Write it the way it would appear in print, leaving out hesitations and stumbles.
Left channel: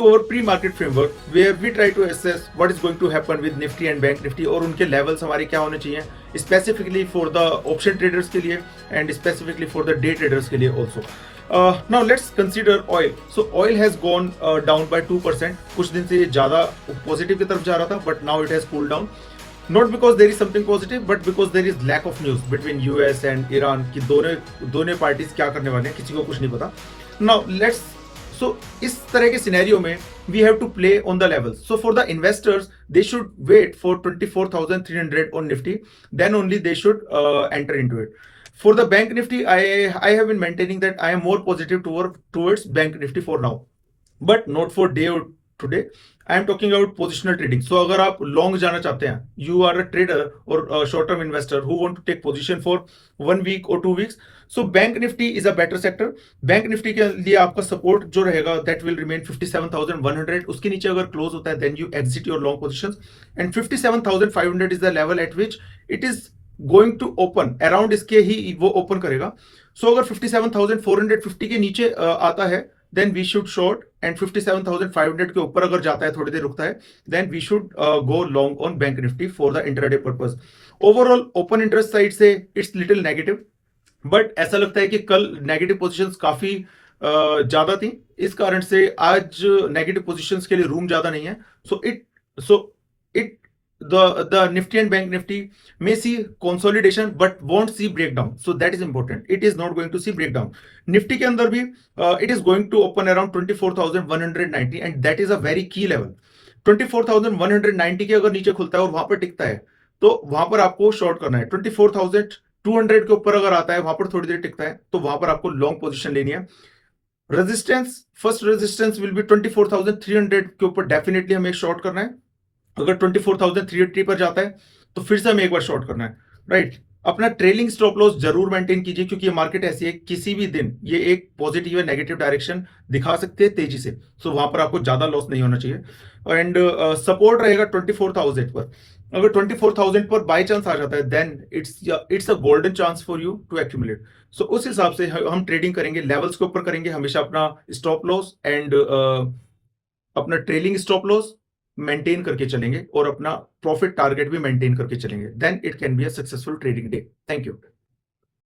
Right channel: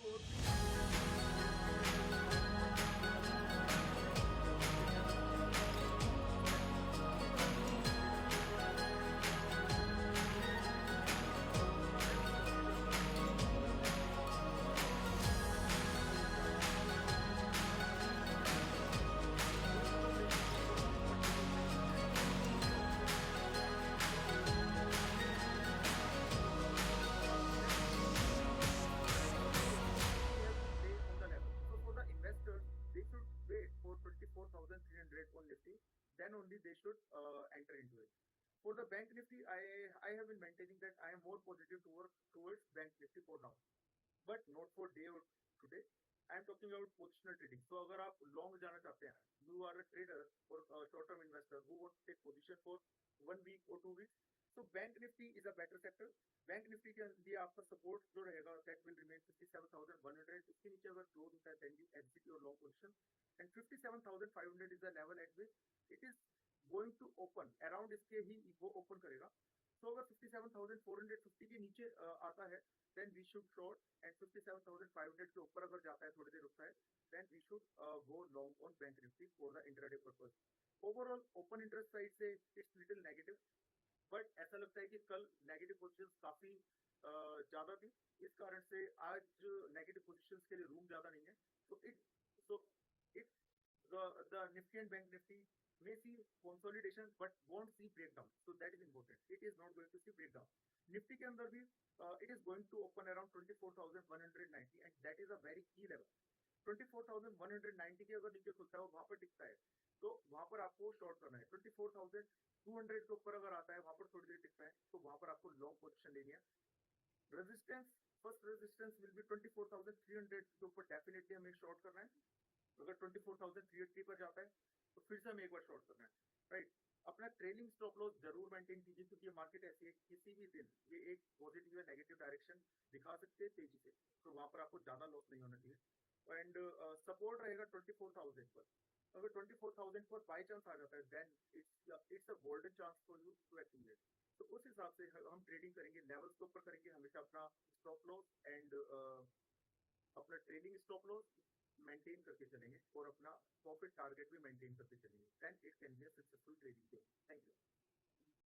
to our pre-market framework where we try to assess what is going to happen with Nifty and Bank Nifty और उनके levels हमारे क्या होने चाहिए specifically for the option traders के लिए and specifically for the day traders के लिए also. Now let's consider oil. So oil has gone down by 2%. कुछ दिन से ज़्यादा positive की तरफ जा रहा था, but now it has cooled down. Not because there is something positive, but because there is lack of news between US and Iran कि दोनों parties क्या करने वाले हैं, किसी को कुछ नहीं पता. Now let's so इस तरह के सिनेरियो में we have to play on the levels. So for the investors, they should wait for 24,300 on Nifty, then only they should enter into it. For the Bank Nifty, I have been maintaining that I am more positive towards Bank Nifty for now, but not for day or today. I am talking about positional trading. So अगर आप long जाना चाहते हैं, you are a trader or a short-term investor who want to take position for 1 week or 2 weeks. So Bank Nifty is a better sector. Bank Nifty के लिए आपका support जो रहेगा that will remain 57,100. उसके नीचे अगर close होता है then you exit your long positions. And 57,500 is the level at which it is going to open. Around इसके ही वो open करेगा. So अगर 57,450 के नीचे आता है then we should short, and 57,500 के ऊपर अगर जाता है थोड़ी देर रुकता है then we should go long on Bank Nifty for the intraday purpose. Overall open interest side से it's little negative, but ऐसा लगता है कि कल नेगेटिव पोजीशंस काफी ज्यादा थी, इस कारण से आज नेगेटिव पोजीशंस के लिए रूम ज्यादा नहीं है. So the Nifty and Bank Nifty may see consolidation but won't see breakdown. So that is important. It is not going to see breakdown. Nifty के अंदर भी it is going to open around 24,190 and that is a very key level. 24,190 के अगर नीचे खुलता है और वहां पर टिकता है तो वहां पर आपको शॉर्ट करना है. 24,200 के ऊपर अगर आता है, वहां पर थोड़ी देर टिकता है तो वहां पर आपको लॉन्ग पोजीशन लेनी है. Resistance, first resistance will be 24,300 के ऊपर डेफिनेटली हमें शॉर्ट करना है. अगर 24,380 पर जाता है तो फिर से हमें एक बार शॉर्ट करना है, राइट. अपना ट्रेलिंग स्टॉप लॉस जरूर मेंटेन कीजिए क्योंकि ये मार्केट ऐसी है किसी भी दिन ये एक पॉजिटिव या नेगेटिव डायरेक्शन दिखा सकते हैं तेजी से. सो वहां पर आपको ज्यादा लॉस नहीं होना चाहिए. एंड सपोर्ट रहेगा 24,000 पर. अगर 24,000 पर बाय चांस आ जाता है then it's a golden chance for you to accumulate. So उस हिसाब से हम ट्रेडिंग करेंगे, लेवल्स के ऊपर करेंगे हमेशा. अपना स्टॉप लॉस एंड अपना ट्रेलिंग स्टॉप लॉस मेंटेन करके चलेंगे और अपना प्रॉफिट टारगेट भी मेंटेन करके चलेंगे. Then it can be a successful trading day. Thank you.